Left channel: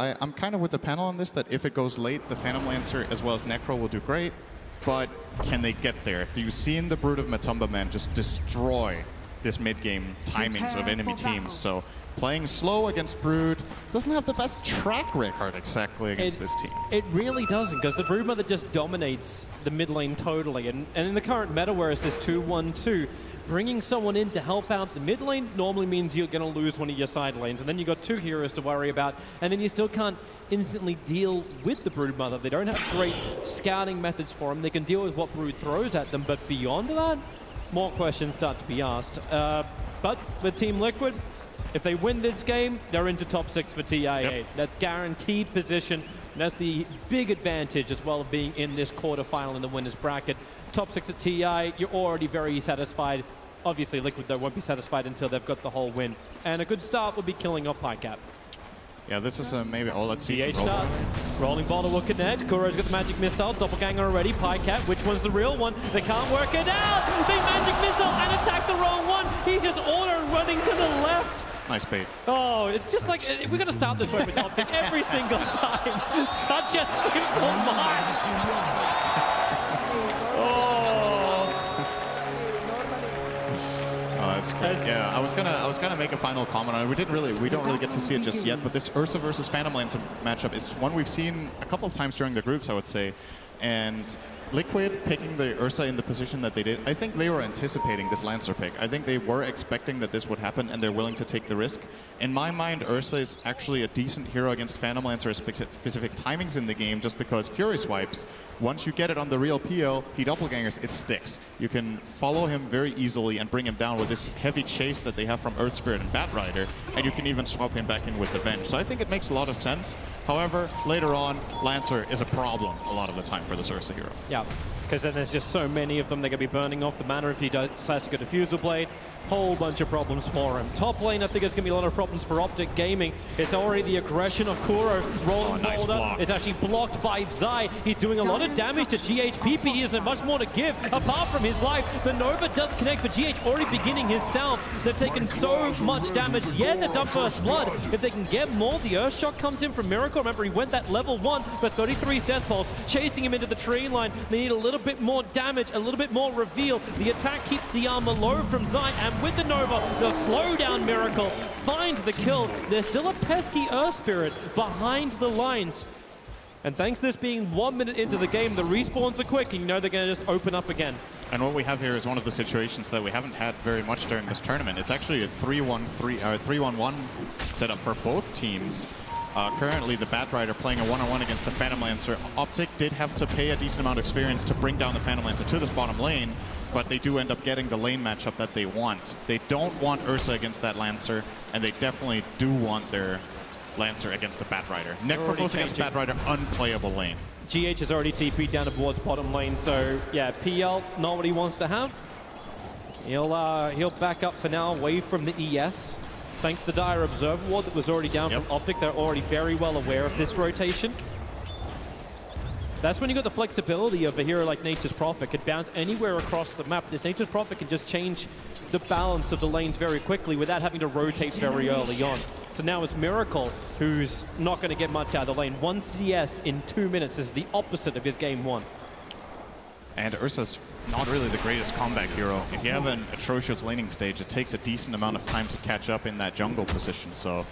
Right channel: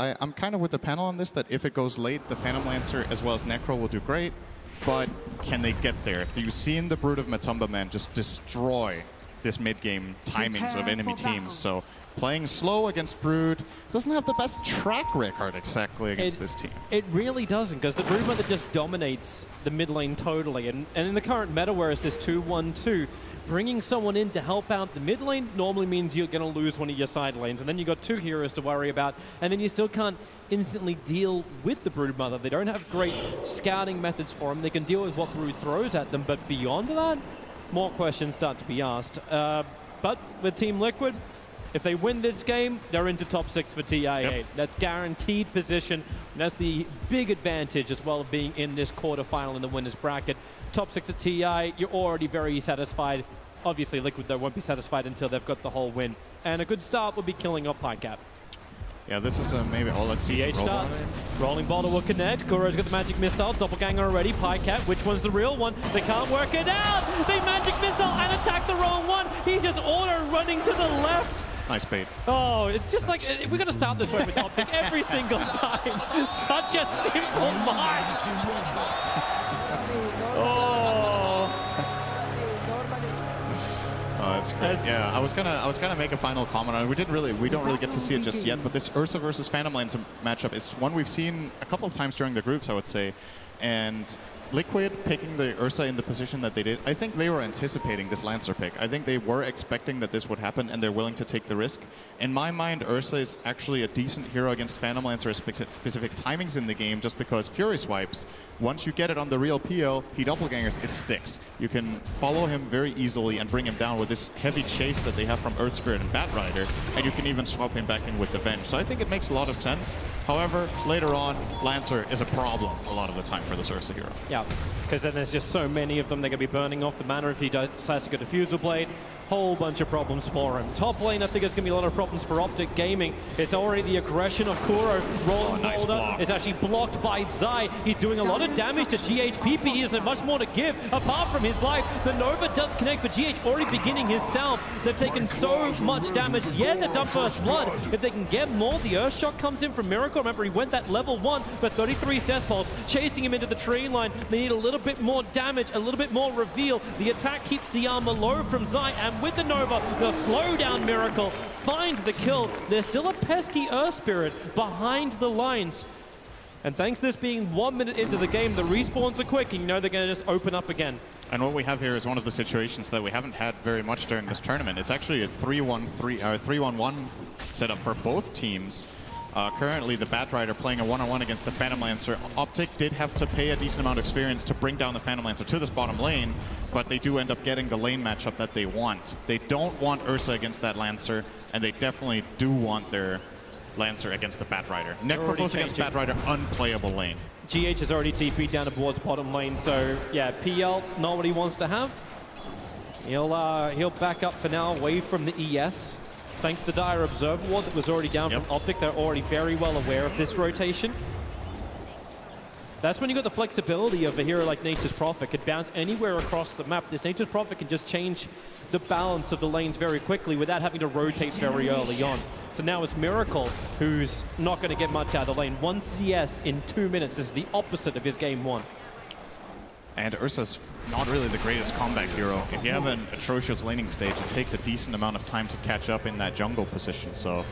I'm kind of with the panel on this, that if it goes late, the Phantom Lancer as well as Necro will do great, but can they get there? You've seen the Brood of Matumba Man just destroy this mid-game timings of enemy teams, so playing slow against Brood doesn't have the best track record exactly against this team. It really doesn't, because the Brood Mother just dominates the mid lane totally, and in the current meta where it's this 2-1-2, bringing someone in to help out the mid lane normally means you're going to lose one of your side lanes, and then you've got two heroes to worry about, and then you still can't instantly deal with the Brood Mother. They don't have great scouting methods for them. They can deal with what Brood throws at them, but beyond that, more questions start to be asked. But with Team Liquid, if they win this game, they're into top 6 for TI8. Yep. That's guaranteed position, and that's the big advantage as well of being in this quarterfinal in the winner's bracket. Top 6 at TI, you're already very satisfied. Obviously, Liquid, though, won't be satisfied until they've got the whole win. And a good start would be killing off Pycat. Yeah, this is maybe all. Let's see. CH starts. Rolling Boulder will connect. Kuro's got the magic missile. Doppelganger already. Pycat, which one's the real one? They can't work it out. They magic missile and attack the wrong one. He's just auto running to the left. Nice bait. Oh, it's just like, we got to start this way with OpTic every single time. Such a simple mind. It's cool. Yeah, I was gonna make a final comment on it. We don't really get to see it just yet, but this Ursa versus Phantom Lancer matchup is one we've seen a couple of times during the groups, I would say. And Liquid picking the Ursa in the position that they did, I think they were anticipating this Lancer pick. I think they were expecting that this would happen, and they're willing to take the risk. In my mind, Ursa is actually a decent hero against Phantom Lancer specific timings in the game, just because Fury Swipes, once you get it on the real PO, he doppelgangers, it sticks. You can follow him very easily and bring him down with this heavy chase that they have from Earth Spirit and Bat Rider, and you can even swap him back in with the Venge. So I think it makes a lot of sense. However, later on, Lancer is a problem a lot of the time for this Ursa hero. Yeah, because then there's just so many of them. They're going to be burning off the mana if he decides to go Diffusal Blade. Whole bunch of problems for him. Top lane, I think it's going to be a lot of problems for OpTic Gaming. It's already the aggression of Kuro. Rolling nice Boulder block. is actually blocked by Zai. He's doing a lot of damage to GH. PP isn't much more to give apart from his life. The Nova does connect, but GH already beginning his sound. They've taken so much damage. Yeah, they've done first blood. If they can get more, the Earthshock comes in from Miracle. Remember, he went that level 1 for 33 Death Pulse, chasing him into the tree line. They need a little bit more damage, a little bit more reveal. The attack keeps the armor low from Zai, and with the Nova, the slow down Miracle, find the kill. There's still a pesky Earth Spirit behind the lines. And thanks to this being 1 minute into the game, the respawns are quick, and you know they're going to just open up again. And what we have here is one of the situations that we haven't had very much during this tournament. It's actually a 3-1-1 setup for both teams. Currently, the Bat Rider playing a 1-on-1 against the Phantom Lancer. OpTic did have to pay a decent amount of experience to bring down the Phantom Lancer to this bottom lane, but they do end up getting the lane matchup that they want. They don't want Ursa against that Lancer, and they definitely do want their Lancer against the Bat Rider. Necrophos against Bat Rider, unplayable lane. GH has already TP'd down towards bottom lane, so yeah, PL, not what he wants to have. He'll back up for now, away from the ES. Thanks to the Dire Observer Ward that was already down from OpTic, they're already very well aware of this rotation. That's when you got the flexibility of a hero like Nature's Prophet. Could bounce anywhere across the map. This Nature's Prophet can just change the balance of the lanes very quickly without having to rotate very early on. So now it's Miracle, who's not going to get much out of the lane. 1 CS in 2 minutes is the opposite of his game 1. And Ursa's not really the greatest combat hero. If you have an atrocious laning stage, it takes a decent amount of time to catch up in that jungle position. So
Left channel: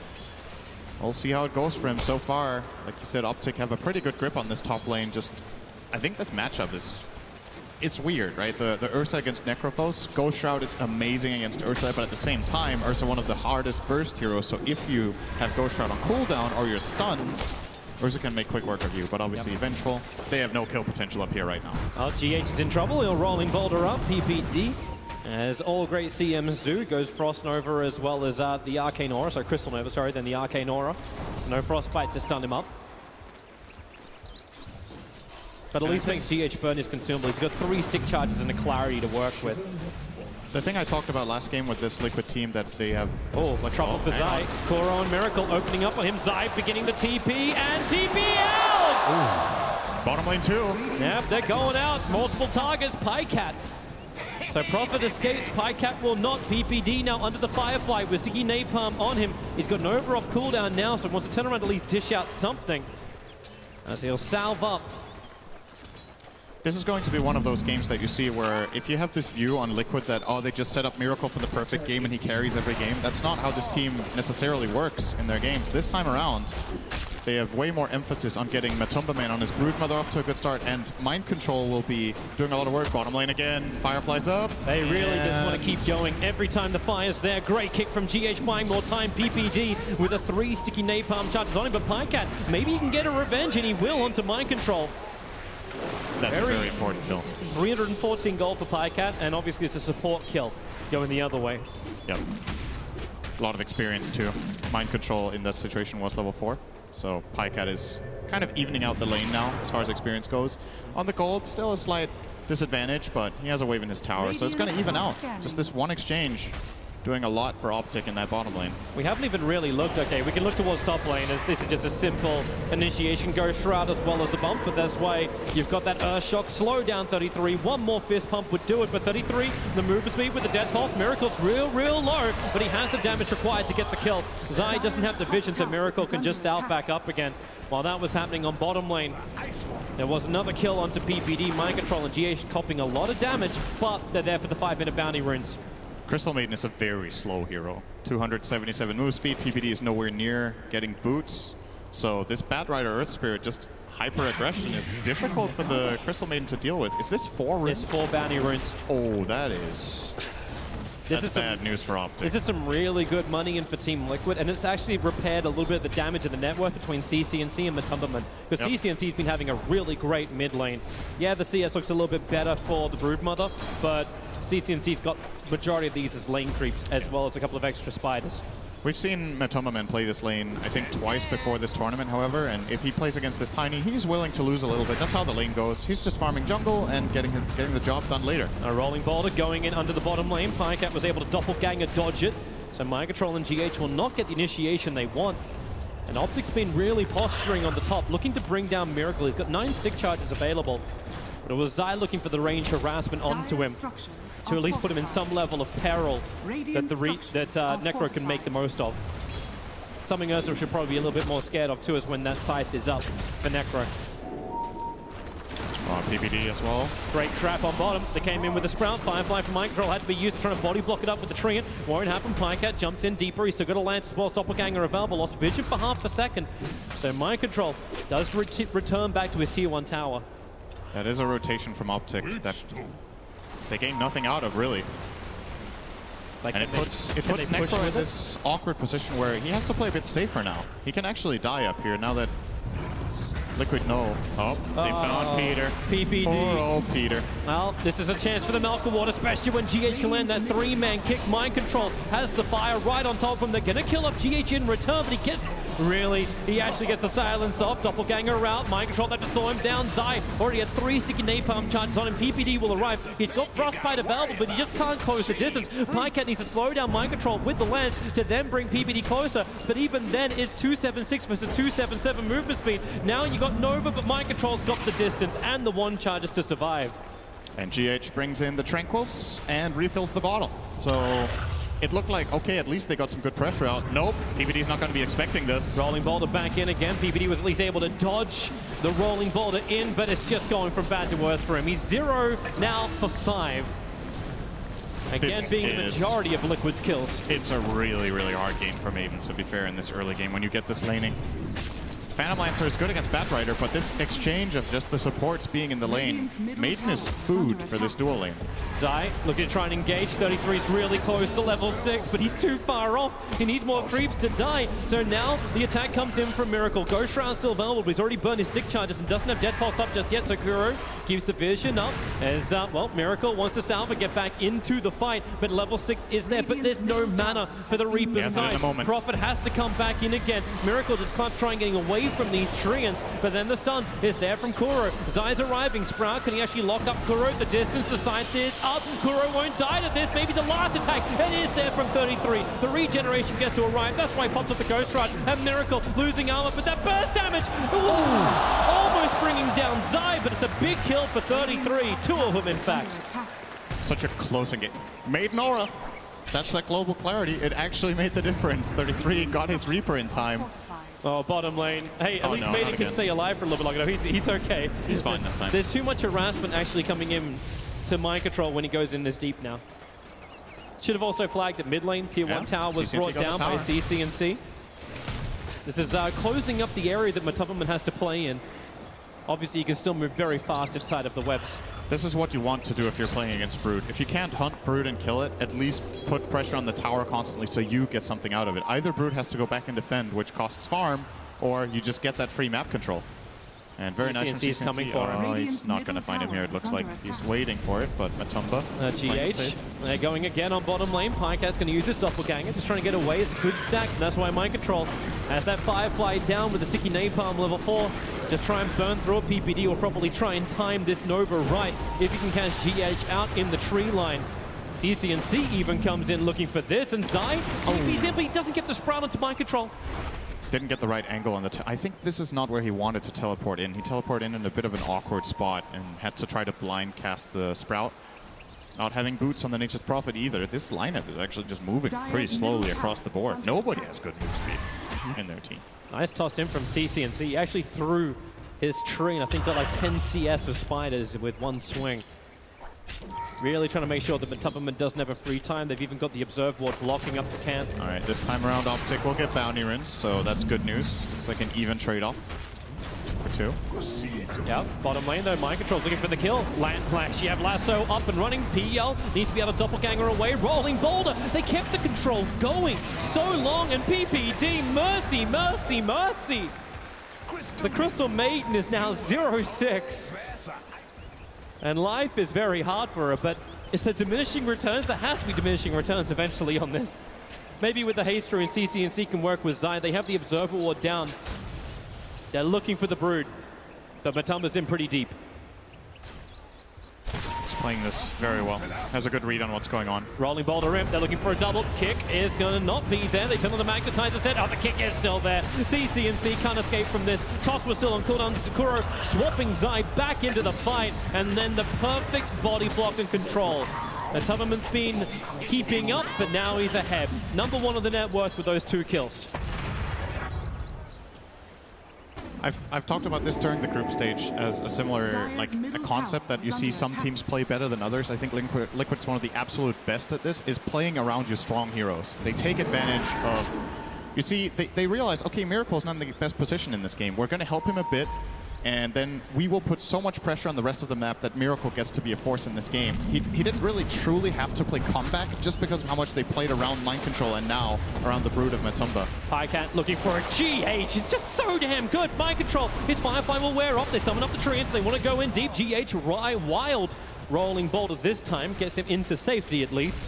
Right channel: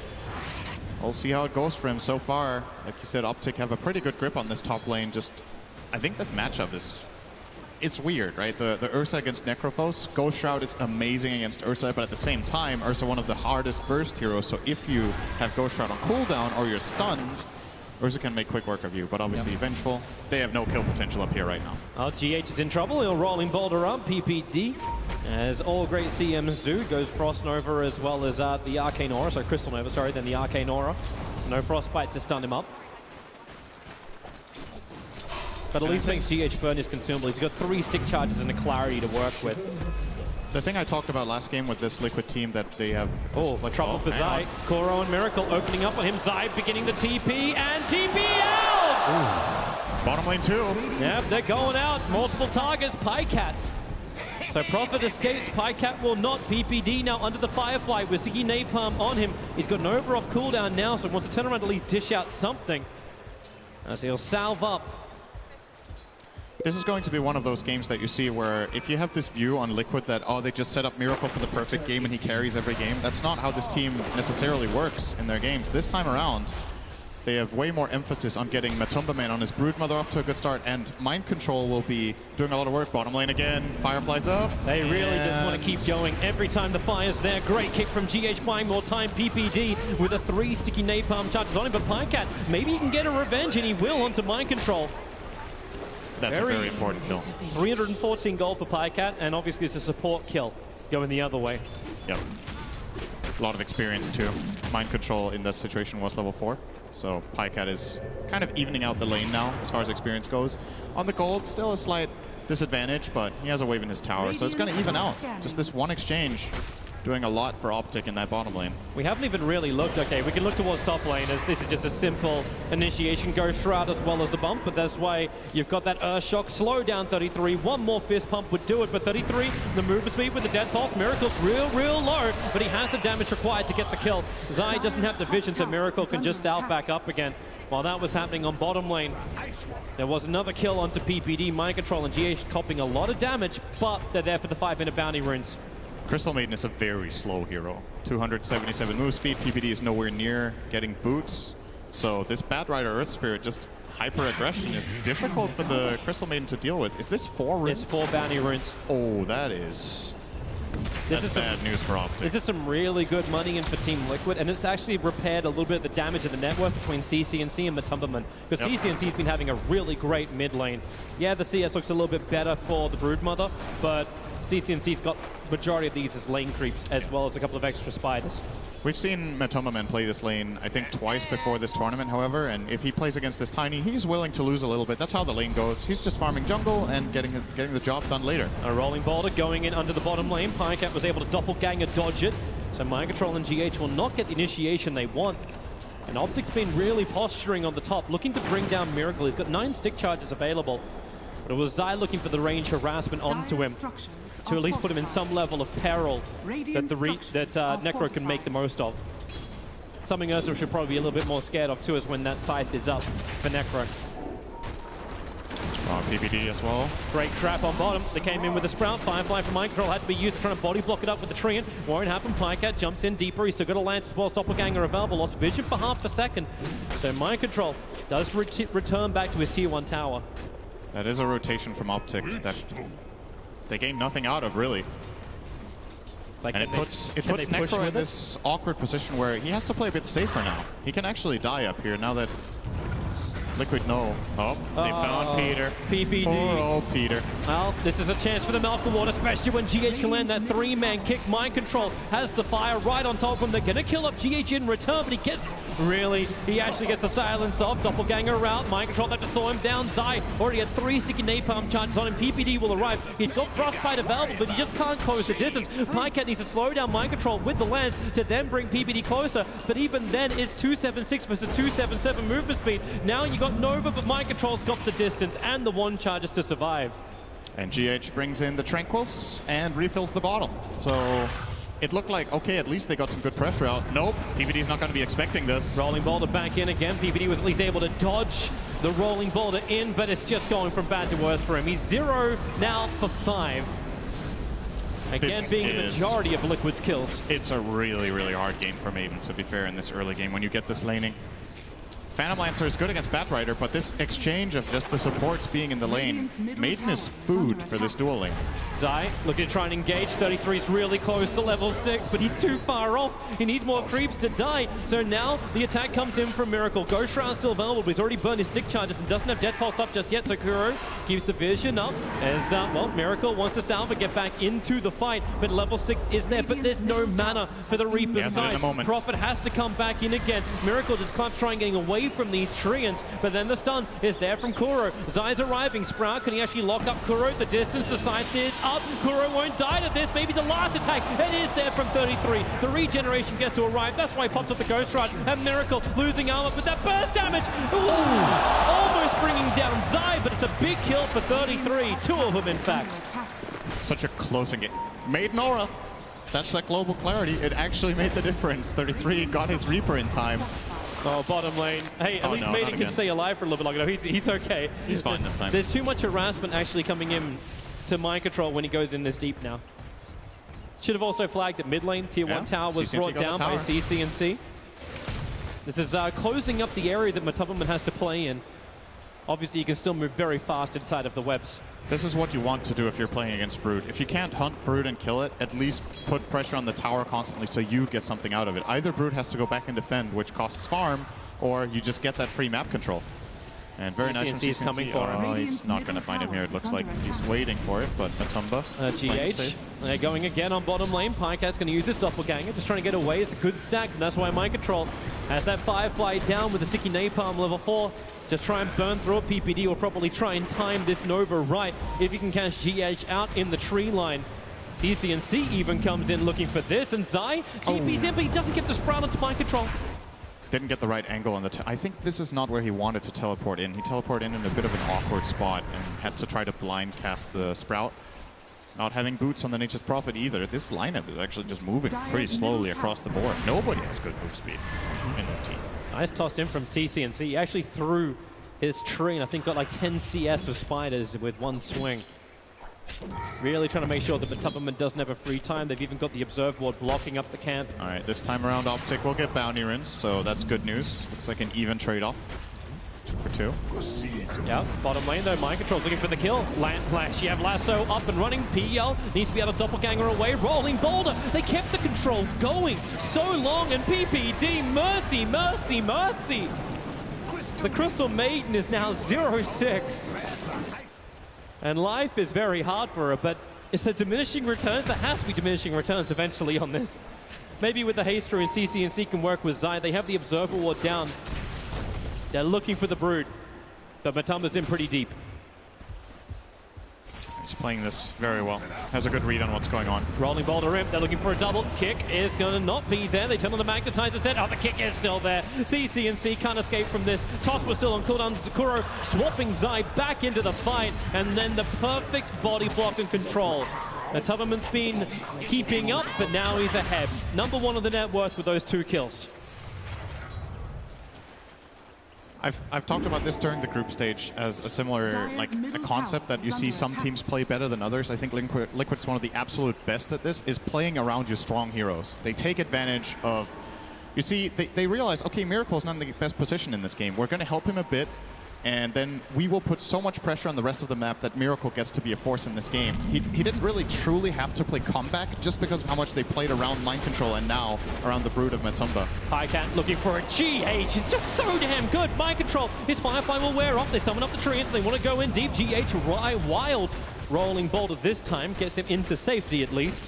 we'll see how it goes for him so far. Like you said, OpTic have a pretty good grip on this top lane. I think this matchup it's weird, right? The Ursa against Necrophos. Ghost Shroud is amazing against Ursa, but at the same time, Ursa one of the hardest burst heroes. So if you have Ghost Shroud on cooldown or you're stunned, Ursa can make quick work of you, but obviously Vengeful, they have no kill potential up here right now. GH is in trouble. He'll Rolling Boulder up, PPD, as all great CMs do. Goes Frost Nova as well as the Arcane Aura, so Crystal Nova, sorry, then the Arcane Aura. So no Frostbite to stun him up. But at least makes GH burn his consumable. He's got 3 stick charges and a Clarity to work with. The thing I talked about last game with this Liquid team that they have... trouble for Zai. Kuro and Miracle opening up on him. Zai beginning to TP, and TP out! Bottom lane 2. Yep, they're going out. Multiple targets. Pycat So Prophet escapes, Pycat will not. PPD now under the Firefly with Sticky Napalm on him. He's got an over-off cooldown now, so wants to turn around to at least dish out something. As he'll salve up. This is going to be one of those games that you see where if you have this view on Liquid that, oh, they just set up Miracle for the perfect game and he carries every game, that's not how this team necessarily works in their games. This time around, they have way more emphasis on getting Matumbaman on his Broodmother off to a good start, and Mind Control will be doing a lot of work. Bottom lane again, Firefly's up. They really just want to keep going every time the fire's there. Great kick from GH, buying more time. PPD with a 3 sticky napalm charges on him, but Pycat, maybe he can get a revenge, and he will onto Mind Control. That's a very important kill. 314 gold for Pycat, and obviously it's a support kill going the other way. Yep. A lot of experience too. Mind Control in this situation was level 4. So Pycat is kind of evening out the lane now as far as experience goes. On the gold, still a slight disadvantage, but he has a wave in his tower, so it's going to even out. Just this one exchange doing a lot for OpTic in that bottom lane. We haven't even really looked. Okay, we can look towards top lane as this is just a simple initiation ghost shroud as well as the bump, but that's why you've got that Earth Shock slow down 33. One more fist pump would do it, but 33, the movement speed with the dead pulse. Miracle's real low, but he has the damage required to get the kill. Zai doesn't have the vision, so Miracle can just salve back up again. While that was happening on bottom lane, there was another kill onto PPD. Mind Control and GH copping a lot of damage, but they're there for the 5-minute bounty runes. Crystal Maiden is a very slow hero. 277 move speed. PPD is nowhere near getting boots. So this Bat Rider Earth Spirit, just hyper aggression, is difficult for the Crystal Maiden to deal with. Is this 4 runes? It's 4 bounty runes. Oh, that's bad news for OpTic. This is some really good money in for Team Liquid, and it's actually repaired a little bit of the damage of the network between CCNC and Matumbaman, because CCNC's been having a really great mid lane. Yeah, the CS looks a little bit better for the Broodmother, but CCNC's got majority of these as lane creeps, as well as a couple of extra spiders. We've seen Matumbaman play this lane, I think, twice before this tournament, however, and if he plays against this Tiny, he's willing to lose a little bit. That's how the lane goes. He's just farming jungle and getting the job done later. A rolling boulder going in under the bottom lane. Pycat was able to doppelganger dodge it, so Mind Control and GH will not get the initiation they want. And OpTic's been really posturing on the top, looking to bring down Miracle. He's got 9 stick charges available. But it was Zai looking for the range harassment onto him to at least put him in some level of peril that Necro can make the most of. Something else we should probably be a little bit more scared of too is when that scythe is up for Necro. Strong PPD as well. Great trap on bottom. They came in with a Sprout. Firefly from Mind Control had to be used to try to body block it up with the Treant. Won't happen. Pycat jumps in deeper. He's still got a Lance as well. Doppelganger available. Lost vision for half a second. So Mind Control does return back to his tier 1 tower. That is a rotation from OpTic that they gain nothing out of, really. Like, and it puts Necro in this awkward position where he has to play a bit safer now. He can actually die up here now that Liquid know. Oh, they found Peter. PPD. Poor old Peter. Well, this is a chance for the Malcolm Ward, especially when GH can land that 3-man kick. Mind Control has the fire right on top of him. They're going to kill up GH in return, but he actually gets the silence off. Doppelganger out. Mind Control had to slow him down. Zai already had 3 sticky napalm charges on him. PPD will arrive. He's got Frostbite available, but he just can't close the distance. Pycat needs to slow down Mind Control with the lance to then bring PPD closer, but even then it's 276 versus 277 movement speed. Now you got Nova, but Mind Control's got the distance and the 1 charges to survive. And GH brings in the Tranquils and refills the bottle. So it looked like, okay, at least they got some good pressure out. Nope, PPD's not going to be expecting this. Rolling boulder back in again. PPD was at least able to dodge the rolling boulder in, but it's just going from bad to worse for him. He's 0 now for 5. Again, being the majority of Liquid's kills. It's a really, really hard game for Maiden, to be fair, in this early game when you get this laning. Phantom Lancer is good against Bat Rider, but this exchange of just the supports being in the lane, Maiden is food for this dual lane. Zai looking to try and engage. 33 is really close to level 6, but he's too far off. He needs more creeps to die. So now the attack comes in from Miracle. Ghost Shroud's still available, but he's already burned his stick charges and doesn't have Dead Pulse up just yet. So Kuro keeps the vision up as, Miracle wants to salve and get back into the fight, but level 6 is there, but there's no mana for the Reaper's side. Prophet has to come back in again. Miracle just can't try and getting away from these Treants, but then the stun is there from Kuro. Zai's arriving. Sprout, can he actually lock up Kuro? The distance, the side is up. Kuro won't die to this. Maybe the last attack. It is there from 33. The regeneration gets to arrive. That's why he pops up the Ghost Ride. And Miracle losing armor, but that burst damage. Ooh, almost bringing down Zai, but it's a big kill for 33. 2 of them, in fact. such a close game. Made Nora. That's that global clarity. It actually made the difference. 33 got his Reaper in time. Oh, bottom lane. Hey, at least Maiden can stay alive for a little bit longer. No, he's okay. He's fine this time. There's too much harassment actually coming in to mind control when he goes in this deep now. Should have also flagged that mid lane. Tier 1 tower was brought down by CCNC. This is closing up the area that Matubberman has to play in. Obviously, you can still move very fast inside of the webs. This is what you want to do if you're playing against Brood. If you can't hunt Brood and kill it, at least put pressure on the tower constantly so you get something out of it. Either Brood has to go back and defend, which costs farm, or you just get that free map control. And very nice from CCNC. Coming for him. Oh, he's not going to find him here. It looks like he's waiting for it, but Matumba. GH. They're going again on bottom lane. Pycat's going to use his doppelganger, just trying to get away. It's a good stack, and that's why mind control has that Firefly down with the sticky napalm level 4. Just try and burn through a PPD or probably try and time this Nova right if you can catch GH out in the tree line. CCNC even comes in looking for this, and Zai TP's in, but he doesn't get the sprout into mind control. Didn't get the right angle on the... I think this is not where he wanted to teleport in. He teleported in a bit of an awkward spot and had to try to blind cast the Sprout. Not having boots on the Nature's Prophet either. This lineup is actually just moving pretty slowly across the board. Nobody has good move speed in their team. Nice toss in from CCNC. He actually threw his tree and I think got like 10 CS of spiders with one swing. Really trying to make sure that the Matubberman doesn't have a free time. They've even got the Observe Ward blocking up the camp. All right, this time around OpTic will get bounty rings, so that's good news. It's like an even trade-off for 2. Yeah, bottom lane though, mind control's looking for the kill. Land flash, you have Lasso up and running. PL needs to be able to doppelganger away. Rolling boulder, they kept the control going so long, and PPD, mercy, mercy, mercy. The Crystal Maiden is now 0-6. And life is very hard for her, but it's the diminishing returns. There has to be diminishing returns eventually on this. Maybe with the Haster and CCNC can work with Zai. They have the Observer Ward down. They're looking for the Brood, but Matumba's in pretty deep. He's playing this very well. Has a good read on what's going on. Rolling boulder in. They're looking for a double. Kick is going to not be there. They turn on the magnetizer set. Oh, the kick is still there. CCNC can't escape from this. Toss was still on cooldown. Sakuro swapping Zai back into the fight. And then the perfect body block and control. And Tubberman's been keeping up, but now he's ahead. #1 on the net worth with those 2 kills. I've talked about this during the group stage as a similar, like, a concept that you see some teams play better than others. I think Liquid's one of the absolute best at this, is playing around your strong heroes. They take advantage of... You see, they realize, okay, Miracle's not in the best position in this game. We're going to help him a bit, and then we will put so much pressure on the rest of the map that Miracle gets to be a force in this game. He didn't really truly have to play comeback just because of how much they played around mind control and now around the Brood of Matumba. Pycat looking for a GH. He's just so damn good. Mind control. His Firefly will wear off. They summon up the treants. They want to go in deep. GH wild. Rolling boulder this time gets him into safety at least.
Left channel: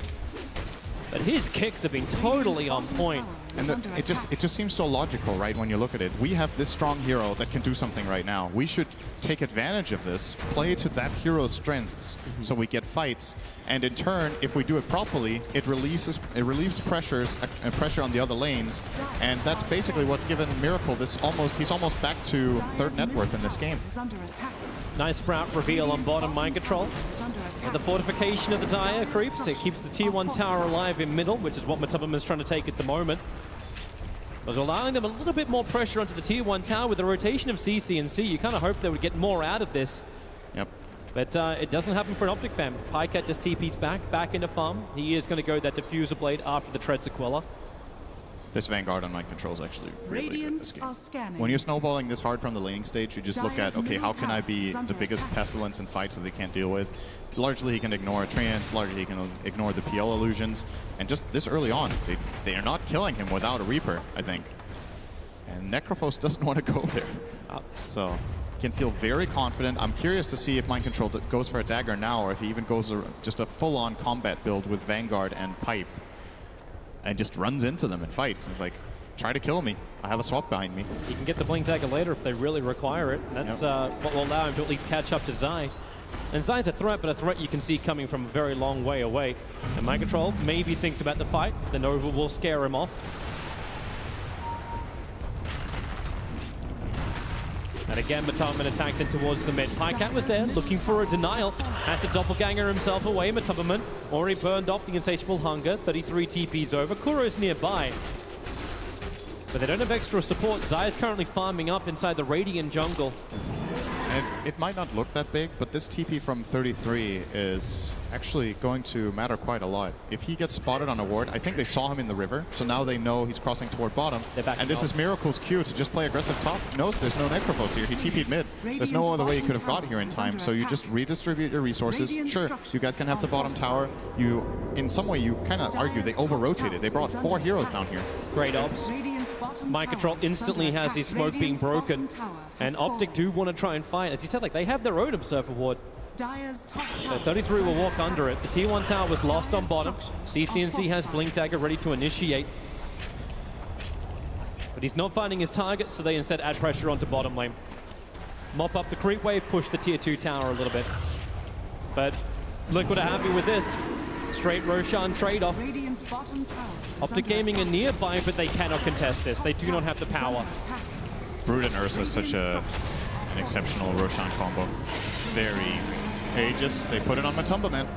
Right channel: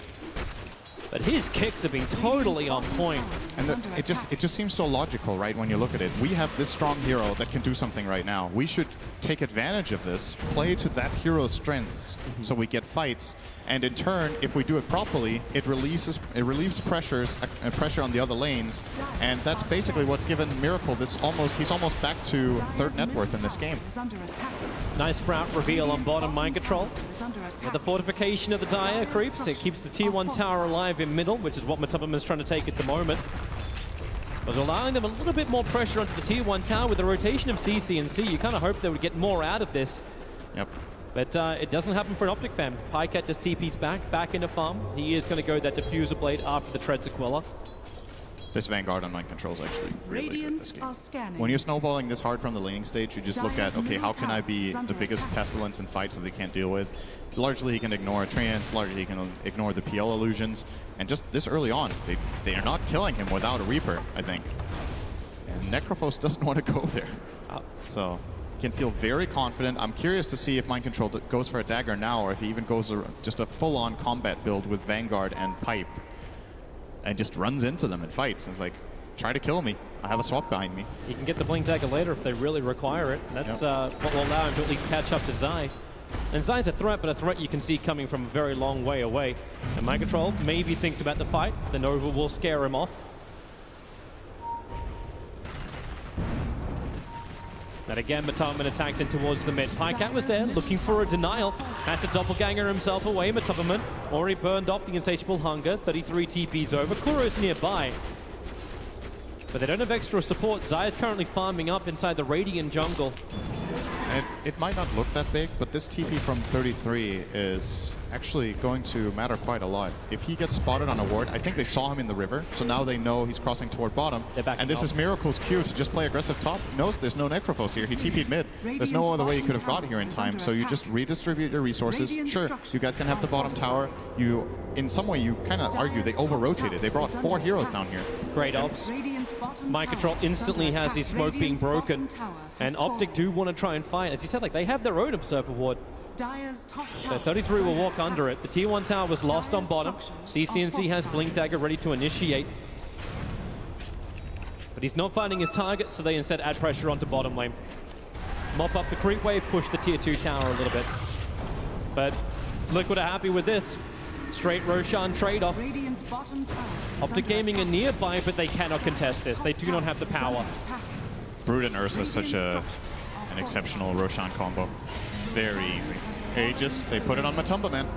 But his kicks have been totally on point. And it just seems so logical, right, when you look at it. We have this strong hero that can do something right now. We should take advantage of this, play to that hero's strengths, so we get fights. And in turn, if we do it properly, it relieves pressure on the other lanes. And that's basically what's given Miracle this he's almost back to 3rd net worth in this game. Nice Sprout reveal on bottom mind control. And the fortification of the Dire creeps. It keeps the tier 1 tower alive in middle, which is what Matubberman's trying to take at the moment. But allowing them a little bit more pressure onto the tier 1 tower with the rotation of CCNC. You kind of hope they would get more out of this. Yep. But it doesn't happen for an OpTic fam. Pycat just TP's back into farm. He is going to go that Diffuser Blade after the Tread Sequela. This Vanguard on mind control is actually really good this game. When you're snowballing this hard from the laning stage, you just look at, okay, how can I be the biggest pestilence in fights that they can't deal with? Largely, he can ignore Treants. Largely, he can ignore the PL illusions. And just this early on, they are not killing him without a Reaper, I think. And Necrophos doesn't want to go there. So, can feel very confident. I'm curious to see if mind control goes for a dagger now, or if he even goes just a full-on combat build with Vanguard and Pipe. And just runs into them and fights. And he's like, try to kill me. I have a swap behind me. He can get the Blink Dagger later if they really require it. That's what will allow him to at least catch up to Zai. And Zai's a threat, but a threat you can see coming from a very long way away. And mind control maybe thinks about the fight. The Nova will scare him off. And again, Matumba attacks in towards the mid. Pycat was there, looking for a denial. Has to doppelganger himself away. Matumba already burned off the insatiable hunger. 33 TPs over. Kuro's nearby. But they don't have extra support. Zai's currently farming up inside the Radiant jungle. And it might not look that big, but this TP from 33 is actually going to matter quite a lot. If he gets spotted on a ward, I think they saw him in the river, so now they know he's crossing toward bottom. And this is Miracle's cue to just play aggressive top. He knows there's no Necrophos here. He TP'd mid. There's no other way he could have got here in time, so you just redistribute your resources. Sure, you guys can have the bottom tower. In some way, you kind of argue they over-rotated. They brought 4 heroes down here. Great ops. My Control instantly has his smoke being broken. And OpTic do want to try and fight. As you said, like they have their own Observer ward. So 33 will walk under it. The T1 tower was lost on bottom. CCNC has Blink Dagger ready to initiate. But he's not finding his target, so they instead add pressure onto bottom lane. Mop up the creep wave, push the tier 2 tower a little bit. But Liquid are happy with this. Straight Roshan trade-off. OpTic Gaming are nearby, but they cannot contest this. They do not have the power. Brood and Ursa is such an exceptional Roshan combo. Very easy. Aegis, they put it on Matumba, man.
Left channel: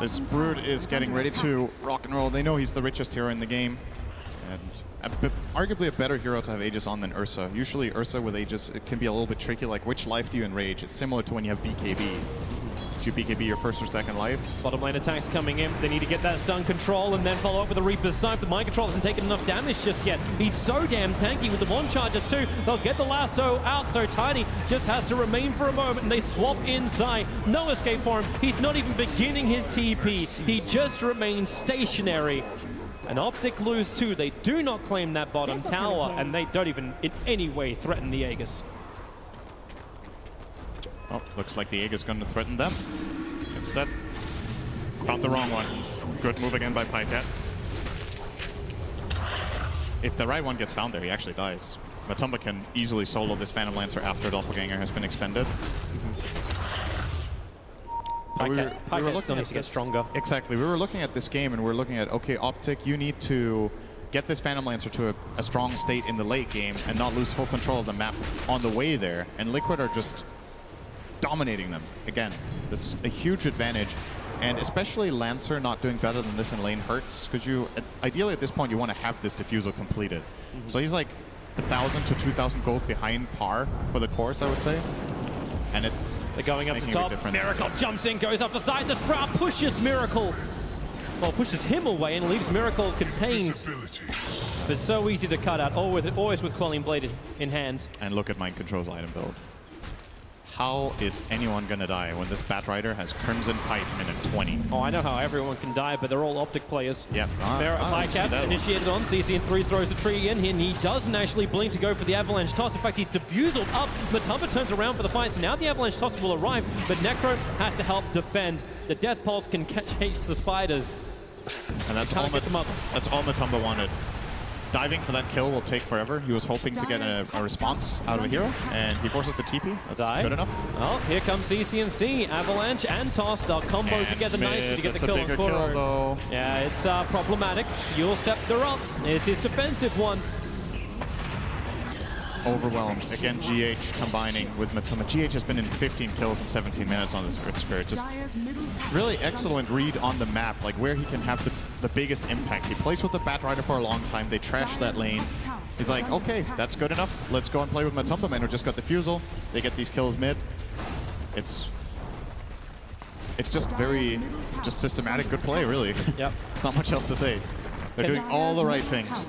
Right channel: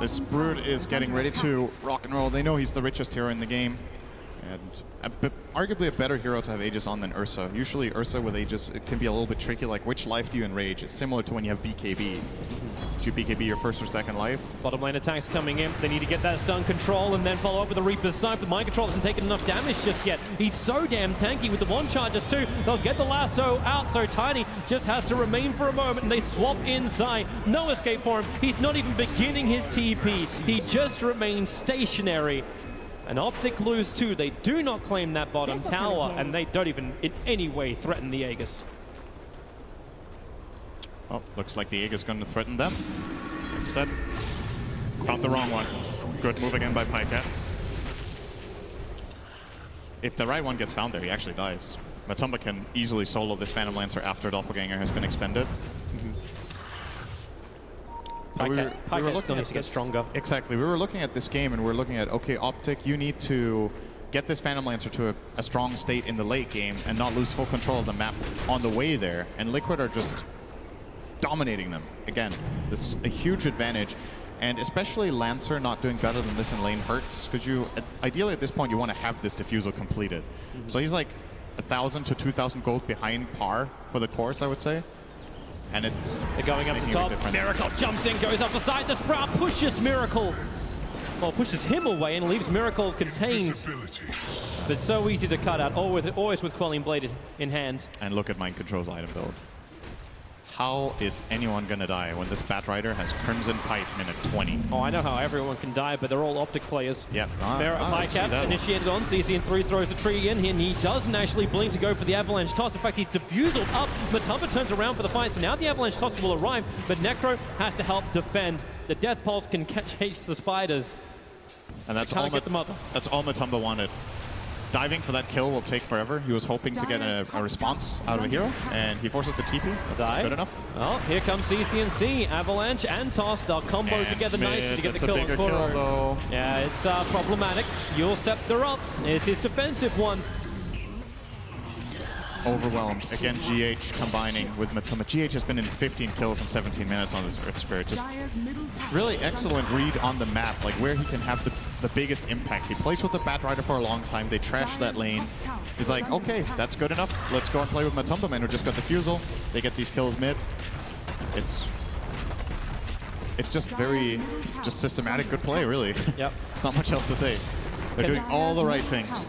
This Brood is getting ready to rock and roll. They know he's the richest hero in the game. And arguably a better hero to have Aegis on than Ursa. Usually Ursa with Aegis, it can be a little bit tricky, like which life do you enrage? It's similar to when you have BKB. Do you BKB your first or second life? Bottom lane attacks coming in. They need to get that stun control and then follow up with the Reaper's Snipe. But Mind Control hasn't taken enough damage just yet. He's so damn tanky with the one charges too. They'll get the lasso out, so Tiny just has to remain for a moment and they swap inside. No escape for him. He's not even beginning his TP. He just remains stationary. And OpTic lose too. They do not claim that bottom tower and they don't even in any way threaten the Aegis. Oh, looks like the Aegis is going to threaten them. Instead, found the wrong one. Good move again by Pycat. If the right one gets found there, he actually dies. Matumba can easily solo this Phantom Lancer after Doppelganger has been expended. Pycat still needs to get stronger. Exactly. We were looking at this game and we're looking at, okay, OpTic, you need to get this Phantom Lancer to a strong state in the late game and not lose full control of the map on the way there. And Liquid are just dominating them. Again, it's a huge advantage. And especially Lancer not doing better than this in lane hurts, because you ideally at this point you want to have this diffusal completed. So he's like 1,000 to 2,000 gold behind par for the course, I would say. And they're going up the top. Miracle jumps in, goes up beside the Sprout, pushes Miracle. Well, pushes him away and leaves Miracle contained. But so easy to cut out, always with Quelling Blade in hand. And look at Mind Control's item build. How is anyone going to die when this Bat Rider has Crimson Pipe minute 20? Oh, I know how everyone can die, but they're all OpTic players. Yep. Pycat initiated on. CCN3 throws the tree in, and he doesn't actually blink to go for the Avalanche Toss. In fact, he's diffusal up. Matumba turns around for the fight, so now the Avalanche Toss will arrive, but Necro has to help defend. The Death Pulse can chase the spiders. And that's all Matumba wanted. Diving for that kill will take forever. He was hoping to get a response out of a hero, and he forces the TP. That's good enough. Oh, here comes CCNC. Avalanche and Toss. They'll combo and together nicely to get the kill on Kuro. Yeah, it's problematic. Your Scepter up. It's his defensive one. Overwhelmed. Again, GH combining with Matumba. GH has been in 15 kills in 17 minutes on his Rift Spirit. Just really excellent read on the map, like where he can have the biggest impact. He plays with the Bat Rider for a long time. They trash that lane. He's like, okay, that's good enough. Let's go and play with Matumba, man, who just got the Fusel. They get these kills mid. It's just very systematic good play, really. Yeah. There's not much else to say. They're doing all the right things.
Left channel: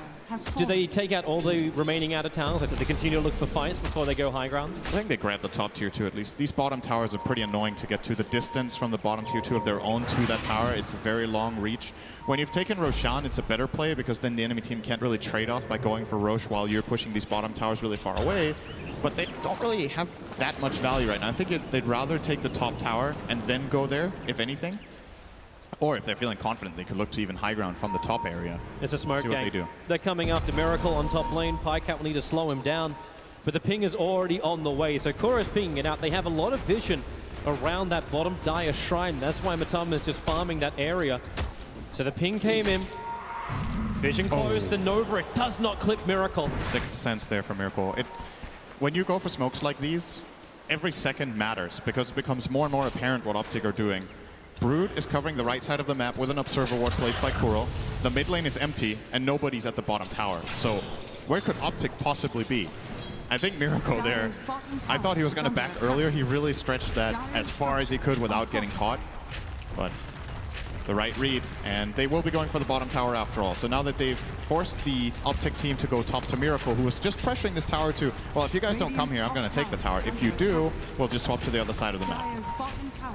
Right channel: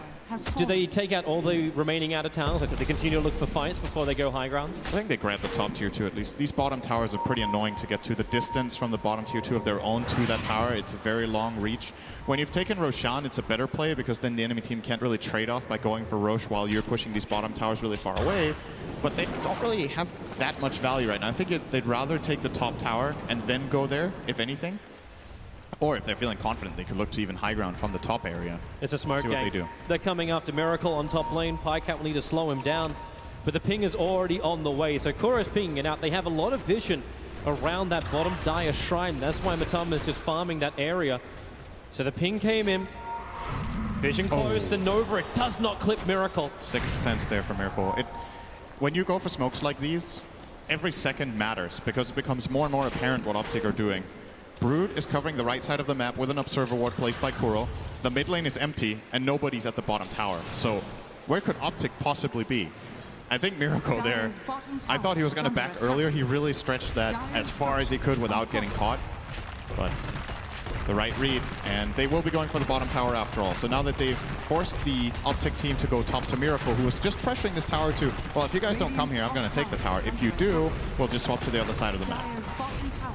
Do they take out all the remaining out-of-towns? Like, do they continue to look for fights before they go high ground? I think they grab the top tier 2 at least. These bottom towers are pretty annoying to get to. The distance from the bottom tier 2 of their own to that tower, it's a very long reach. When you've taken Roshan, it's a better play because then the enemy team can't really trade off by going for Rosh while you're pushing these bottom towers really far away. But they don't really have that much value right now. I think they'd rather take the top tower and then go there, if anything. Or if they're feeling confident, they could look to even high ground from the top area. It's a smoke gang. They're coming after Miracle on top lane. Pycat will need to slow him down. But the ping is already on the way. So Kuro's pinging it out. They have a lot of vision around that bottom Dire Shrine. That's why Matumba is just farming that area. So the ping came in. Vision close, the Nova. It does not click Miracle. Sixth sense there for Miracle. when you go for smokes like these, every second matters because it becomes more and more apparent what OpTic are doing. Brood is covering the right side of the map with an observer ward placed by Kuro. The mid lane is empty, and nobody's at the bottom tower. So where could OpTic possibly be? I think Miracle there. I thought he was going to back earlier. He really stretched that as far as he could without getting caught. But the right read, and they will be going for the bottom tower after all. So now that they've forced the OpTic team to go top to Miracle, who was just pressuring this tower to, well, if you guys don't come here, I'm going to take the tower. If you do, we'll just swap to the other side of the map.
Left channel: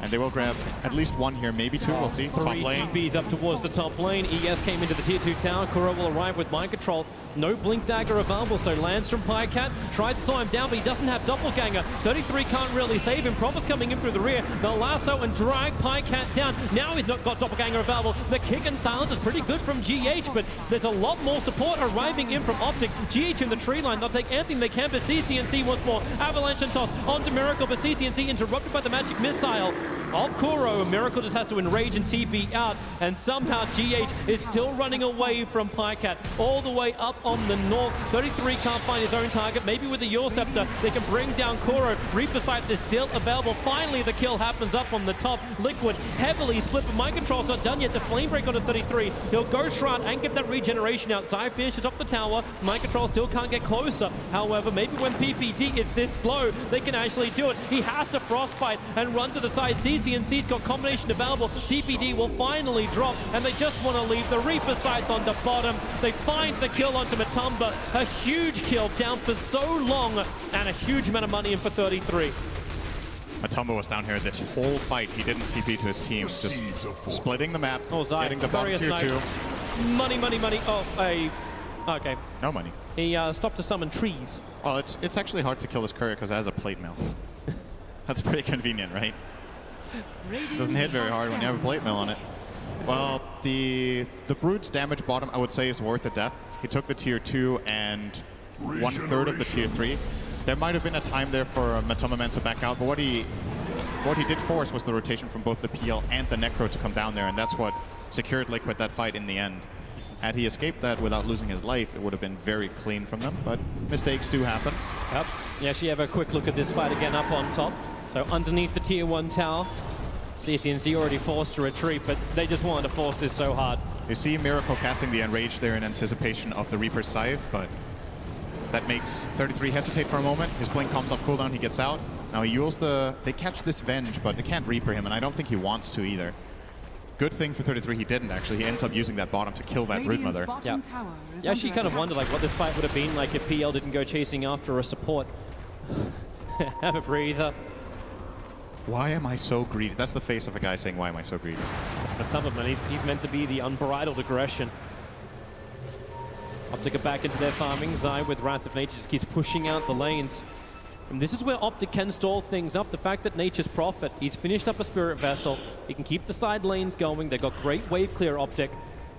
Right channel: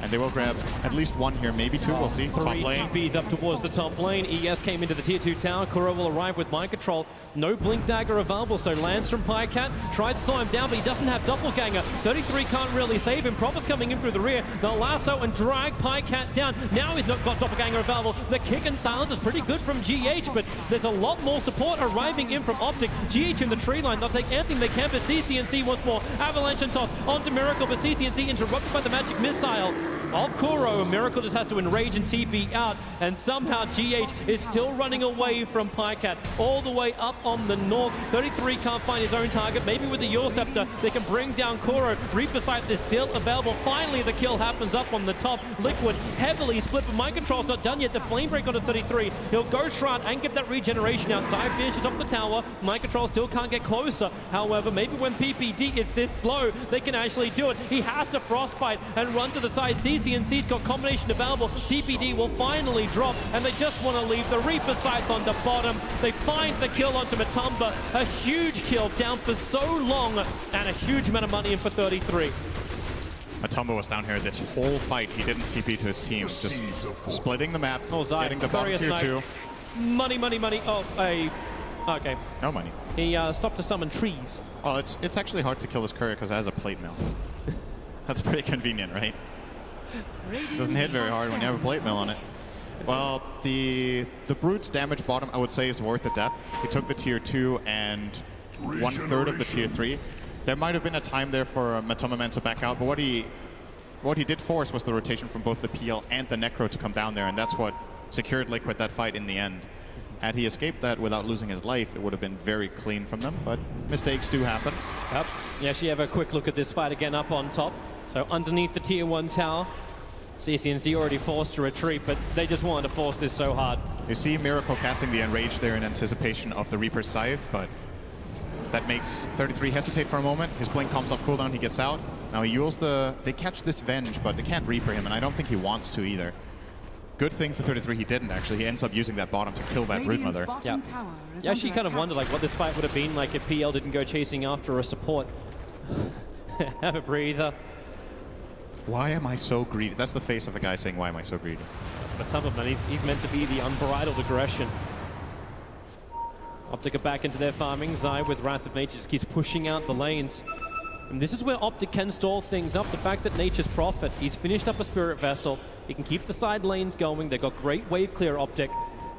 And they will grab at least one here, maybe two. We'll see. Top lane. TPs up towards the top lane. ES came into the tier 2 tower. Kuro will arrive with mind control. No blink dagger available, so lands from Pycat. Tries to slow him down, but he doesn't have doppelganger. 33 can't really save him. Prophet's coming in through the rear. They'll lasso and drag Pycat down. Now he's not got doppelganger available. The kick and silence is pretty good from GH, but there's a lot more support arriving in from OpTic. GH in the tree line. They'll take anything they can, but CCNC once more. Avalanche and toss onto Miracle, but CCNC interrupted by the magic missile of Kuro. Miracle just has to enrage and TP out, and somehow GH is still running away from Pycat all the way up on the north. 33 can't find his own target. Maybe with the Yor Scepter they can bring down Kuro. Reaper Sight is still available. Finally the kill happens up on the top. Liquid heavily split, but mind control's not done yet. The flame break on a 33. He'll go Shroud and get that regeneration out. Zai finishes up the tower. Mind control still can't get closer. However, maybe when PPD is this slow, they can actually do it. He has to frostbite and run to the side. CCNC's got combination available. PPD will finally drop, and they just want to leave the Reaper Sight on the bottom. They find the kill onto Matumba. A huge kill, down for so long, and a huge amount of money in for 33. Matumba was down here this whole fight. He didn't TP to his team. Just splitting the map, getting the bottom tier 2. Money, money, money. Oh, okay. No money. He stopped to summon trees. Oh, it's actually hard to kill this courier because it has a plate mill. That's pretty convenient, right? Doesn't hit very hard when you have a plate mill on it. Well, the Brood's damage bottom, I would say, is worth a death. He took the tier 2 and 1/3 of the tier 3. There might have been a time there for Matumba Man to back out, but what he did force was the rotation from both the PL and the Necro to come down there, and that's what secured Liquid that fight in the end. Had he escaped that without losing his life, it would have been very clean from them, but mistakes do happen. Yep. Yeah, she have a quick look at this fight again up on top. So underneath the tier 1 tower, CCNC already forced to retreat, but they just wanted to force this so hard. You see Miracle casting the Enrage there in anticipation of the Reaper's Scythe, but that makes 33 hesitate for a moment. His blink comes off cooldown, he gets out. Now he used they catch this Venge, but they can't Reaper him, and I don't think he wants to either. Good thing for 33 he didn't, actually. He ends up using that bottom to kill that Brood Mother. Yeah, she kind of wondered like what this fight would have been like if PL didn't go chasing after a support. Have a breather. Why am I so greedy? That's the face of a guy saying, why am I so greedy? That's Matumba, man. He's meant to be the unbridled aggression. OpTic are back into their farming. Zai with Wrath of Nature just keeps pushing out the lanes. And this is where OpTic can stall things up. The fact that Nature's Prophet, he's finished up a Spirit Vessel. He can keep the side lanes going. They've got great wave clear OpTic.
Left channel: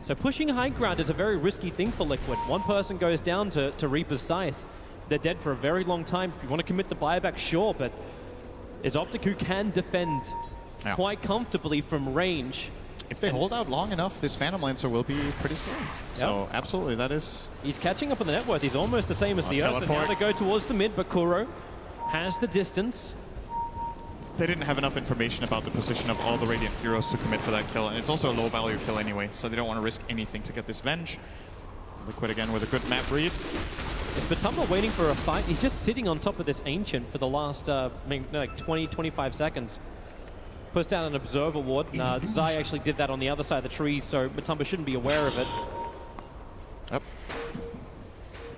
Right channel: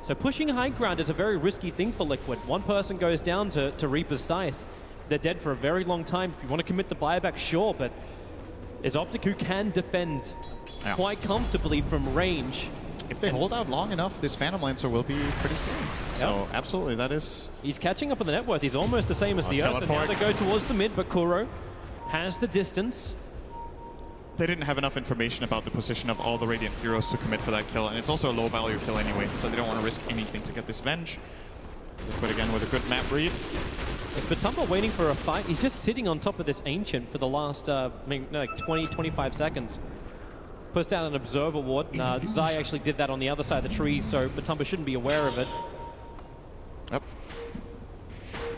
So pushing high ground is a very risky thing for Liquid. One person goes down to Reaper's Scythe. They're dead for a very long time. If you want to commit the buyback, sure, but it's OpTic who can defend quite comfortably from range. If they hold out long enough, this Phantom Lancer will be pretty scary. So, absolutely, that is... He's catching up on the net worth. He's almost the same as the Earth. And now they go towards the mid, but Kuro has the distance. They didn't have enough information about the position of all the Radiant heroes to commit for that kill, and it's also a low-value kill anyway, so they don't want to risk anything to get this Venge. Liquid again with a good map read. Is Matumba waiting for a fight? He's just sitting on top of this Ancient for the last like 20-25 seconds. Puts down an Observer Ward. Zai actually did that on the other side of the trees, so Matumba shouldn't be aware of it. Yep.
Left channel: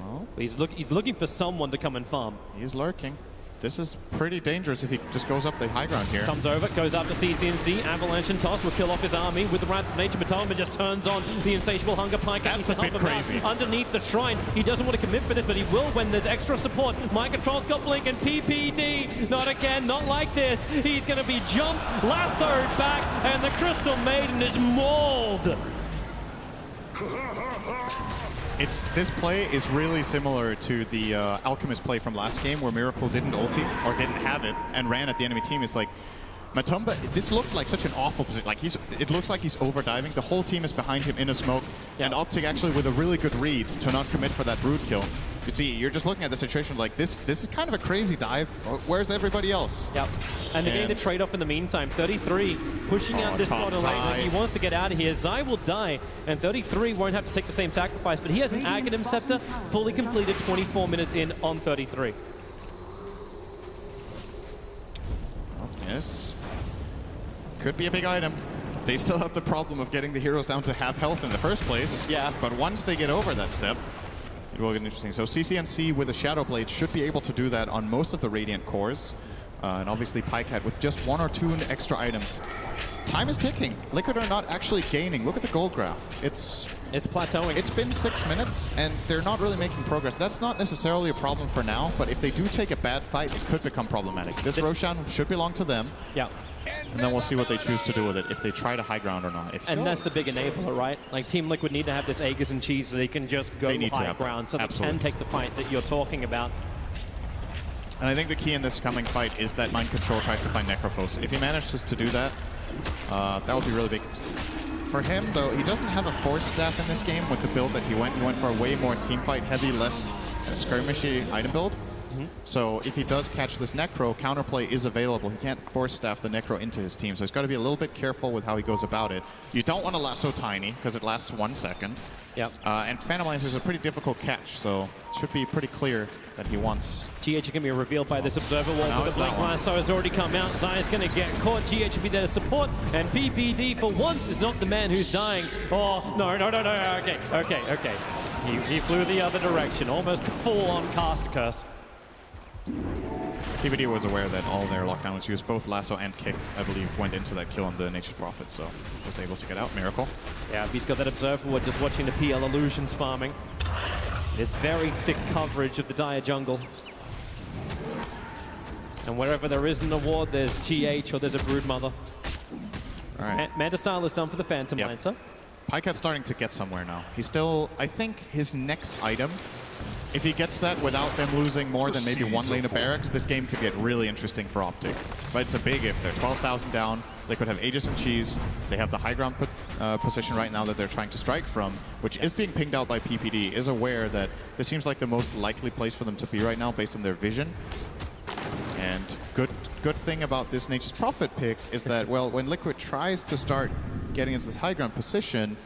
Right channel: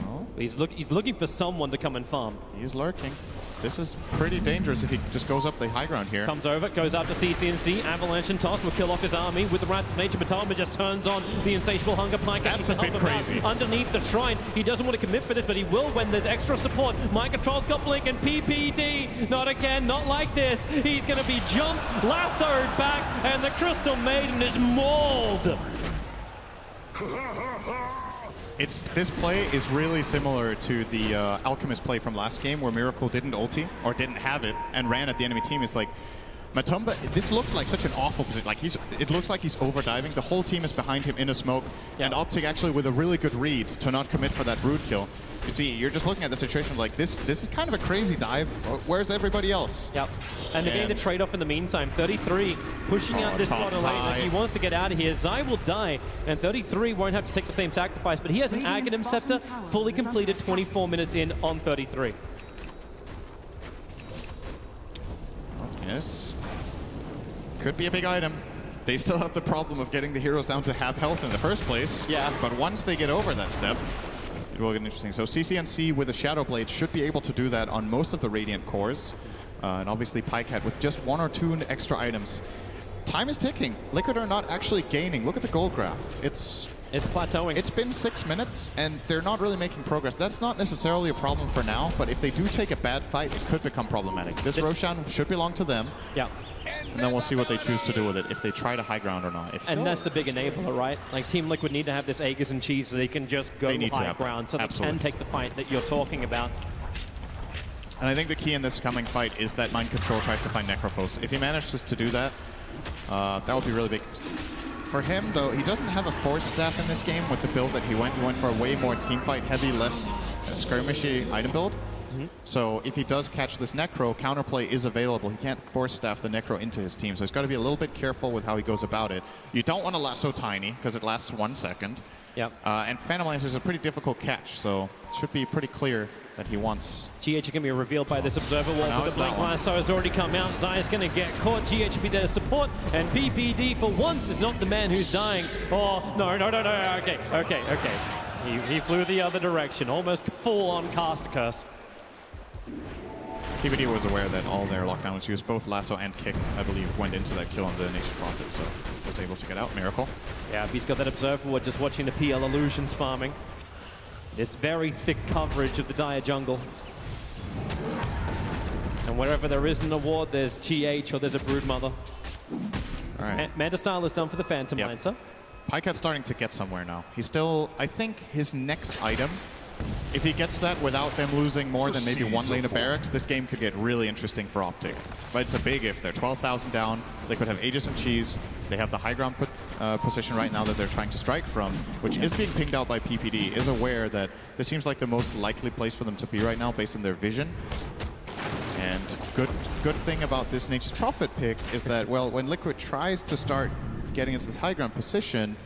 Oh. He's looking for someone to come and farm. He's lurking. This is pretty dangerous if he just goes up the high ground here. Comes over, goes out to CCNC, Avalanche and Toss will kill off his army with the Wrath of Nature. Matumba just turns on the Insatiable Hunger. Pycat needs to help him out underneath the shrine. He doesn't want to commit for this, but he will when there's extra support. Mind Control's got Blink and PPD. Not again, not like this. He's going to be jumped, lassoed back, and the Crystal Maiden is mauled. This play is really similar to the Alchemist play from last game where Miracle didn't ulti or didn't have it and ran at the enemy team. It's like Matumba, this looks like such an awful position. Like it looks like he's overdiving. The whole team is behind him in a smoke, and OpTic actually with a really good read to not commit for that Brood kill. But see, you're just looking at the situation like this. This is kind of a crazy dive. Where's everybody else? Yep. And they're getting the trade-off in the meantime. 33 pushing out this bottom lane like he wants to get out of here. Zai will die, and 33 won't have to take the same sacrifice, but he has an Aghanim Scepter fully completed 24 minutes in on 33. Yes. Could be a big item. They still have the problem of getting the heroes down to half health in the first place. Yeah. But once they get over that step, it will get interesting. So CCNC with a Shadow Blade should be able to do that on most of the Radiant cores. And obviously Pycat with just 1 or 2 extra items. Time is ticking. Liquid are not actually gaining. Look at the gold graph. It's plateauing. It's been 6 minutes, and they're not really making progress. That's not necessarily a problem for now, but if they do take a bad fight, it could become problematic. This Roshan should belong to them. Yeah. And then we'll see what they choose to do with it, if they try to high ground or not. And that's the big enabler, right? Like, Team Liquid need to have this Aegis and cheese so they can just go high ground, so they can take the fight that you're talking about. And I think the key in this coming fight is that Mind Control tries to find Necrophos. If he manages to do that, that would be really big. For him, though, he doesn't have a Force Staff in this game with the build that he went. He went for a way more teamfight heavy, less skirmishy item build. So if he does catch this Necro, counterplay is available. He can't Force Staff the Necro into his team, so he's got to be a little bit careful with how he goes about it. You don't want to lasso Tiny, because it lasts 1 second. Yep. And Phantom Lance is a pretty difficult catch, so it should be pretty clear that he wants... GH can be revealed by this Observer Wall, but the Blink Lasso has already come out. Zai's going to get caught. GH will be there to support, and PPD for once is not the man who's dying. Oh, no. Okay. He flew the other direction, almost full-on cast curse. PPD was aware that all their lockdowns used both lasso and kick, I believe, went into that kill on the Nature's Prophet, so was able to get out. Miracle. Yeah, he's got that Observer Ward just watching the PL Illusions farming. This very thick coverage of the Dire jungle. And wherever there isn't a ward, there's GH or there's a Broodmother. Right. Manta Style is done for the Phantom Lancer. Pycat's starting to get somewhere now. He's still, I think, his next item, if he gets that without them losing more than maybe 1 lane of barracks, this game could get really interesting for OpTic. But it's a big if. They're 12,000 down. They could have Aegis and Cheese. They have the high ground position right now that they're trying to strike from, which is being pinged out by PPD, is aware that this seems like the most likely place for them to be right now based on their vision. And good thing about this Nature's Prophet pick is that, well, when Liquid tries to start getting into this high ground position,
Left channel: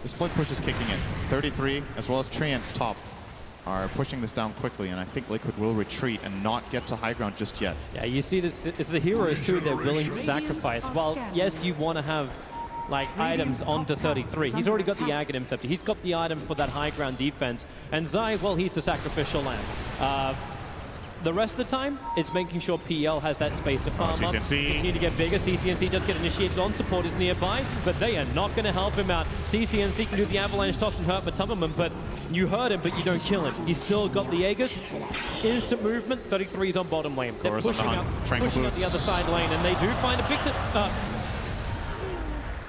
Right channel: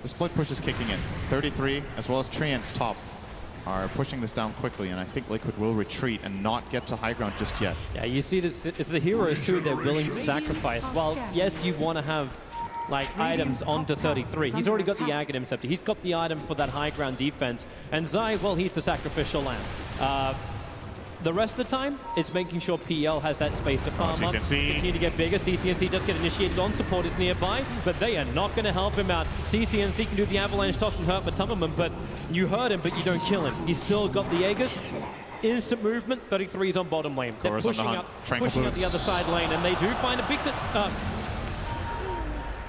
the split push is kicking in. 33, as well as Treant's top, are pushing this down quickly, and I think Liquid will retreat and not get to high ground just yet. Yeah, you see this, it's the heroes too they're willing to sacrifice. Well, yes, you want to have like items onto 33. He's already got the Aghanim Scepter. He's got the item for that high ground defense. And Zai, well, he's the sacrificial lamb. The rest of the time, it's making sure PL has that space to farm up, continue to get bigger. CCNC does get initiated on, support is nearby, but they are not going to help him out. CCNC can do the avalanche toss and hurt Matumberman, but you hurt him, but you don't kill him. He's still got the Aegis. Instant movement, 33 is on bottom lane. They're pushing up the other side lane, and they do find a big...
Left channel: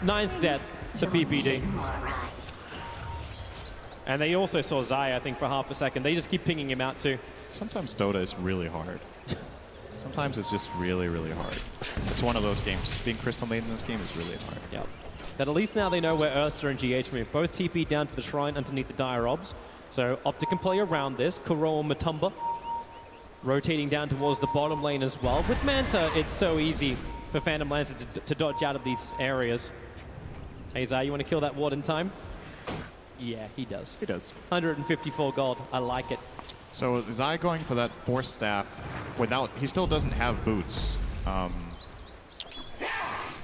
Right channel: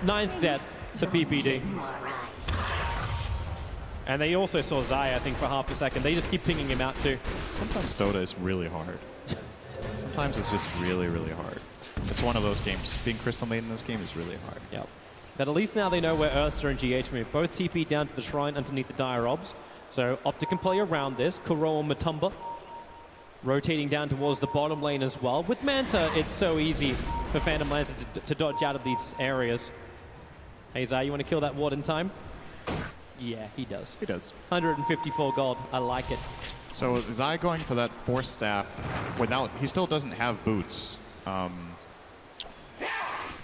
Ninth dead to PPD. And they also saw Zai, I think, for half a second. They just keep pinging him out, too. Sometimes Dota is really hard. Sometimes it's just really, really hard. It's one of those games. Being Crystal Maiden in this game is really hard. Yep. But at least now they know where Ursa and GH move. Both TP down to the shrine underneath the Dire Obs. So OpTic can play around this. Kuro and Matumba rotating down towards the bottom lane as well. With Manta, it's so easy for Phantom Lancer to dodge out of these areas. Hey, Zai, you want to kill that ward in time? Yeah, he does. He does. 154 gold. I like it. So Zai going for that Force Staff without... He still doesn't have boots.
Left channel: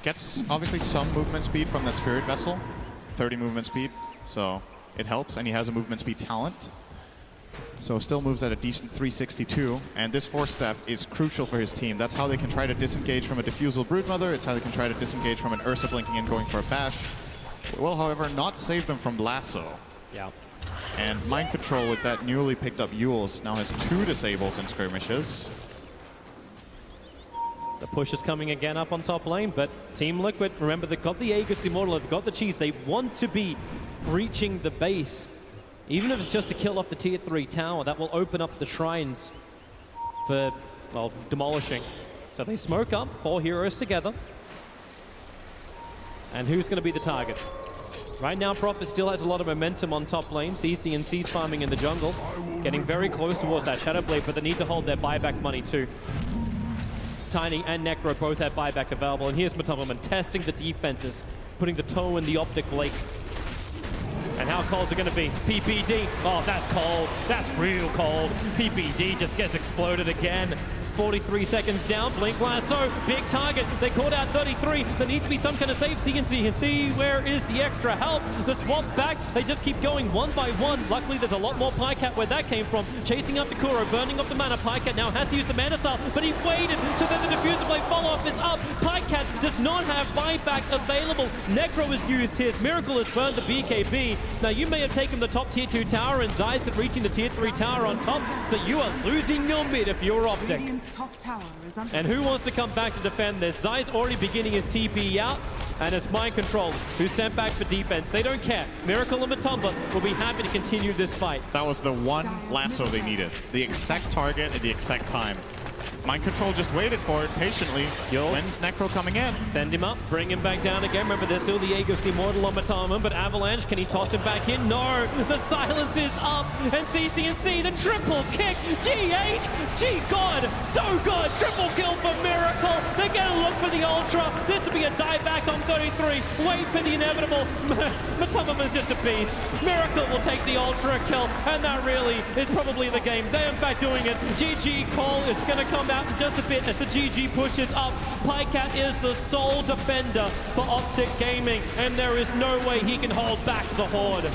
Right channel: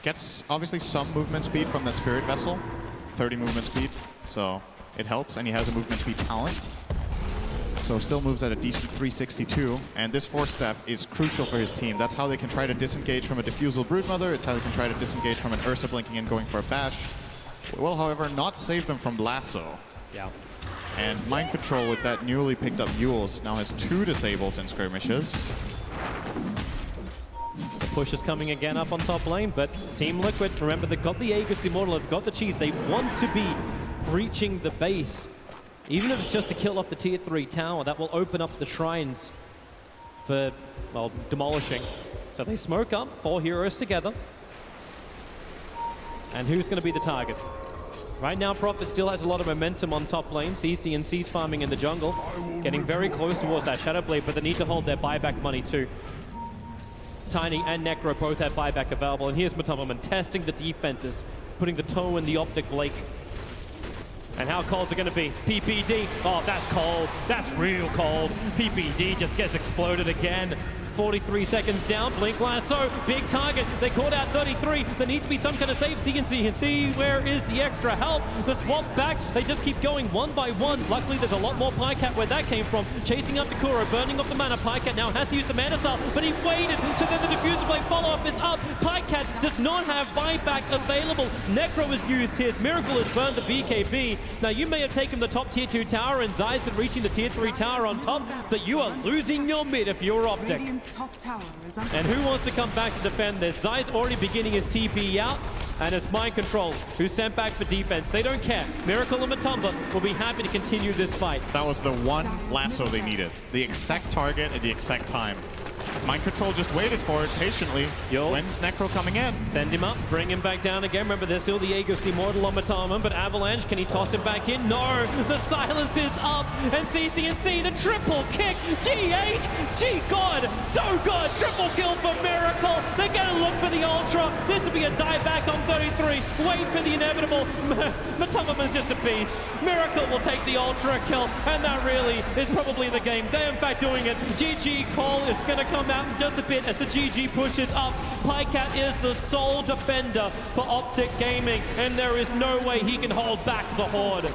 Gets, obviously, some movement speed from the Spirit Vessel. 30 movement speed. So it helps, and he has a movement speed talent. So still moves at a decent 362. And this Force Staff is crucial for his team. That's how they can try to disengage from a Diffusal Broodmother. It's how they can try to disengage from an Ursa blinking in going for a bash. It will, however, not save them from Lasso. Yeah. And Mind Control with that newly picked up Yules now has 2 disables and skirmishes. The push is coming again up on top lane, but Team Liquid, remember, they've got the Aegis Immortal, they've got the cheese. They want to be breaching the base. Even if it's just to kill off the tier 3 tower, that will open up the shrines for, well, demolishing. So they smoke up, 4 heroes together. And who's going to be the target? Right now, Prophet still has a lot of momentum on top lane. CC's farming in the jungle, getting very close towards that Shadow Blade, but they need to hold their buyback money too. Tiny and Necro both have buyback available, and here's Matumberman testing the defenses, putting the toe in the OpTic lake. And how cold is it going to be? PPD. Oh, that's cold. That's real cold. PPD just gets exploded again. 43 seconds down. Blink Lasso. Big target. They caught out 33. There needs to be some kind of save. CNC. Where is the extra help? The swap back. They just keep going one by one. Luckily, there's a lot more Pycat where that came from. Chasing after Kuro. Burning off the mana. Pycat now has to use the Mana Style, but he waited. So then the Diffuser Blade follow-up is up. Pycat does not have buyback available. Necro is used his. Miracle has burned the BKB. Now, you may have taken the top tier 2 tower and Zai's been reaching the tier 3 tower on top, but you are losing your mid if you're OpTic. And who wants to come back to defend this? Zai's already beginning his TP out, and it's Mind Control who's sent back for defense. They don't care. Miracle and Matumba will be happy to continue this fight. That was the one lasso they needed. The exact target at the exact time. Mind Control just waited for it patiently. When's Necro coming in? Send him up, bring him back down again. Remember, there's still the Aegis Immortal on Matumba, but Avalanche, can he toss him back in? No! The silence is up, and CNC, the triple kick! GH! God! So good! Triple kill for Miracle! They're gonna look for the Ultra! This will be a dive back on 33! Wait for the inevitable! Matumba's just a beast! Miracle will take the Ultra kill, and that really is probably the game. They're in fact doing it. GG call, it's gonna come out in just a bit as the GG pushes up. Pycat is the sole defender for OpTic Gaming, and there is no way he can hold back the Horde.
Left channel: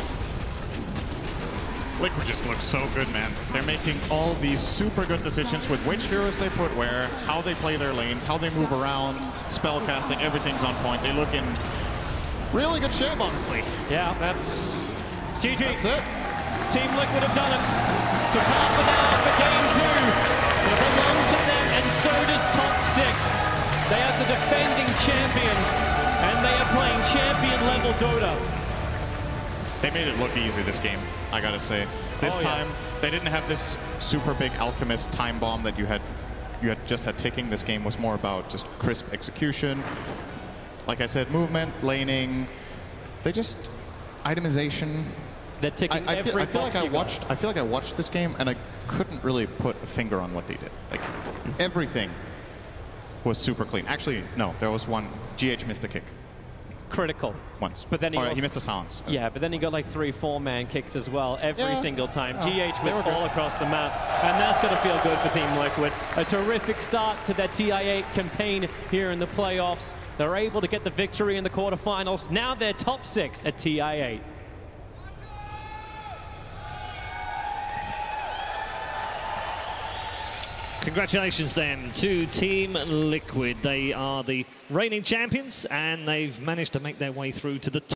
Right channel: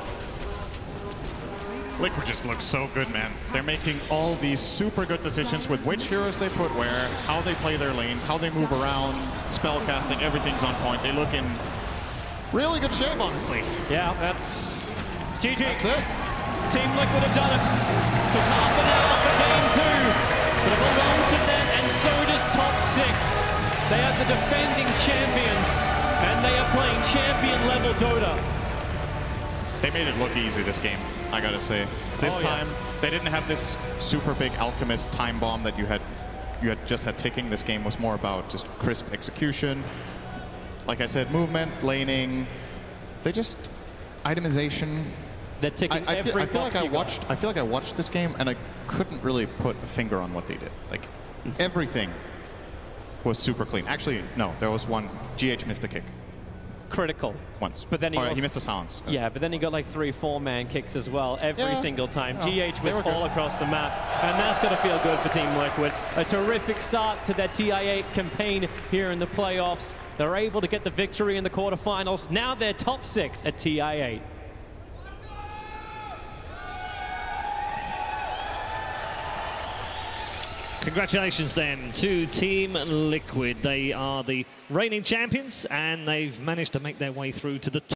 Liquid just looks so good, man. They're making all these super good decisions with which heroes they put where, how they play their lanes, how they move around, spellcasting, everything's on point. They look in really good shape, honestly. Yeah, that's GG. That's it. Team Liquid have done it. Took half an hour for game 2. But it belongs to them, and so does top 6. They are the defending champions, and they are playing champion-level Dota. They made it look easy this game, I gotta say. This time, they didn't have this super big Alchemist time bomb that you had just had ticking. This game was more about just crisp execution. Like I said, movement, laning. They just itemization. They're ticking every box. I feel like I watched this game and I couldn't really put a finger on what they did. Like everything was super clean. Actually, no, there was one. GH missed a kick. Critical. Once. But then he missed a silence. Yeah, but then he got like 3-4 man kicks as well every single time. GH was all across the map, and that's going to feel good for Team Liquid. A terrific start to their TI8 campaign here in the playoffs. They're able to get the victory in the quarterfinals. Now they're top 6 at TI8. Congratulations then to Team Liquid. They are the reigning champions and they've managed to make their way through to the top.